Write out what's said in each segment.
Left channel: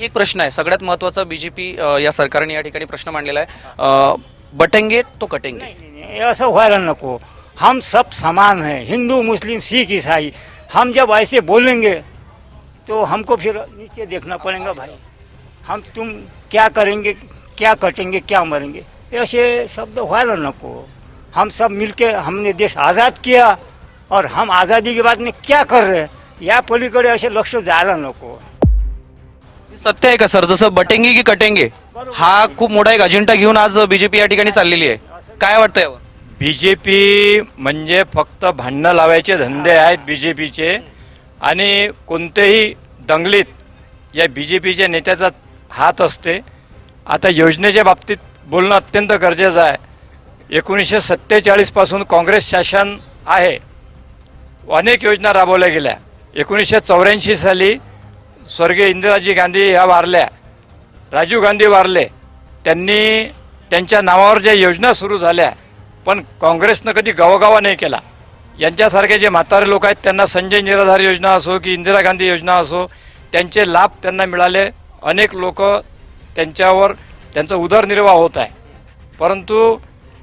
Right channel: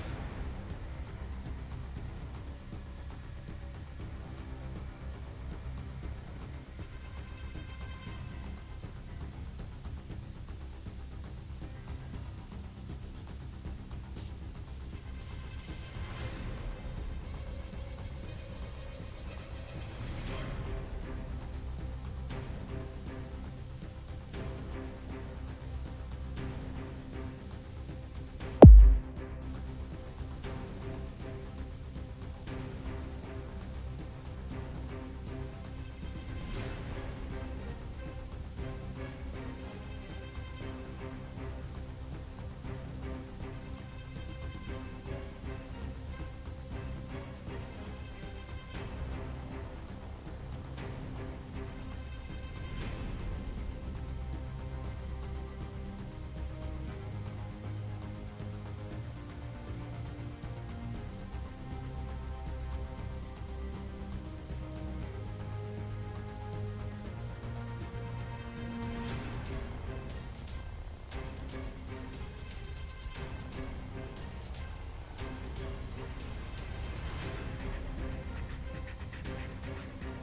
आणखी एक प्रश्न आहे. सगळ्यात महत्त्वाचा बीजेपी या सरकारने या ठिकाणी प्रश्न मांडलेला आहे. बटेंगे तो कटेंगे? नहीं, ऐसा व्हायला नको. हम सब समान हैं. हिंदू मुस्लिम सिख ईसाई. हम जब ऐसे बोलेंगे तो हमको फिर नीचे देखना पड़ेगा भाई। हम तुम क्या करेंगे क्या कटेंगे क्या मरेंगे? ऐसे शब्द व्हायला नको। हम सब मिलके हमने देश आज़ाद किया और हम आज़ादी के बाद में क्या कर रहे हैं? या पलीकडे असे लक्ष जायला नको। सत्य आहे का सर? जसं बटेंगे की कटेंगे? हा खूप मोठा एक अजेंडा घेऊन आज बीजेपी या ठिकाणी चाललेली आहे. काय वाटतं यावर? बी जे पी म्हणजे फक्त भांडणं लावायचे धंदे आहेत बी जे पीचे आणि कोणतेही दंगलीत या बी जे पीच्या नेत्याचा हात असते. आता योजनेच्या बाबतीत बोलणं अत्यंत गरजेचं आहे. एकोणीसशे सत्तेचाळीसपासून काँग्रेस शासन आहे. अनेक योजना राबवल्या गेल्या. एकोणीसशे चौऱ्याऐंशी साली स्वर्गीय इंदिराजी गांधी ह्या वारल्या राजीव गांधी वारले त्यांनी त्यांच्या नावावर ज्या योजना सुरू झाल्या पण काँग्रेसनं कधी गवगावा नाही केला. यांच्यासारखे जे म्हातारे लोक आहेत त्यांना संजय निराधार योजना असो की इंदिरा गांधी योजना असो त्यांचे लाभ त्यांना मिळाले. अनेक लोक त्यांच्यावर त्यांचा उदरनिर्वाह होत आहे. परंतु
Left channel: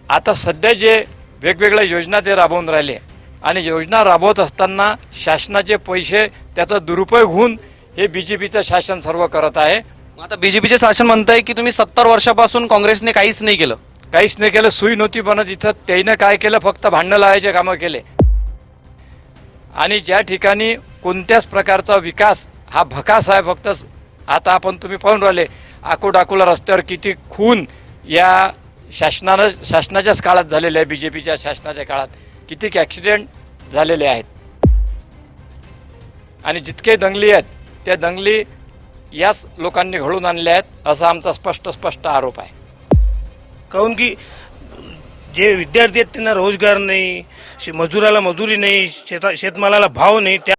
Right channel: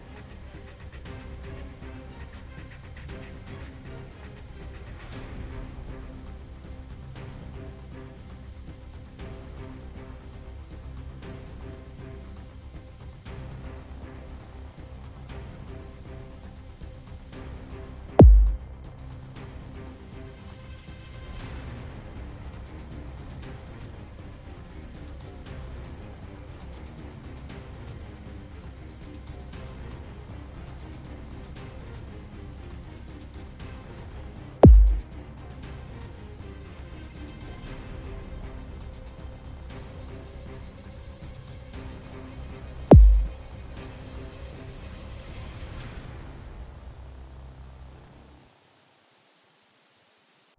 आता सध्या जे वेगवेगळ्या योजना ते राबवून राहिले आणि योजना राबवत असताना शासनाचे पैसे त्याचा दुरुपयोग होऊन हे बी जे पीचं शासन सर्व करत आहे. आता बीजेपीचे शासन म्हणत की तुम्ही सत्तर वर्षापासून काँग्रेसने काहीच नाही केलं. काहीच नाही केलं सुई नव्हती बनत इथं. त्यानं काय केलं? फक्त भांडणं लावायचे कामं केले. आणि ज्या ठिकाणी कोणत्याच प्रकारचा विकास हा भकास आहे फक्त आता आपण तुम्ही पाहून राहिले आकोडाकोला रस्त्यावर किती खून या शासनानं शासनाच्याच काळात झालेले आहे बी जे पीच्या शासनाच्या काळात. किती ॲक्सिडेंट झालेले आहेत. आणि जितके दंगली आहेत त्या दंगली याच लोकांनी घडून आणल्या आहेत असा आमचा स्पष्ट स्पष्ट आरोप आहे. काहून की जे विद्यार्थी आहेत त्यांना रोजगार नाही शे- मजुराला मजुरी नाही शेता शेतमालाला भाव नाही त्या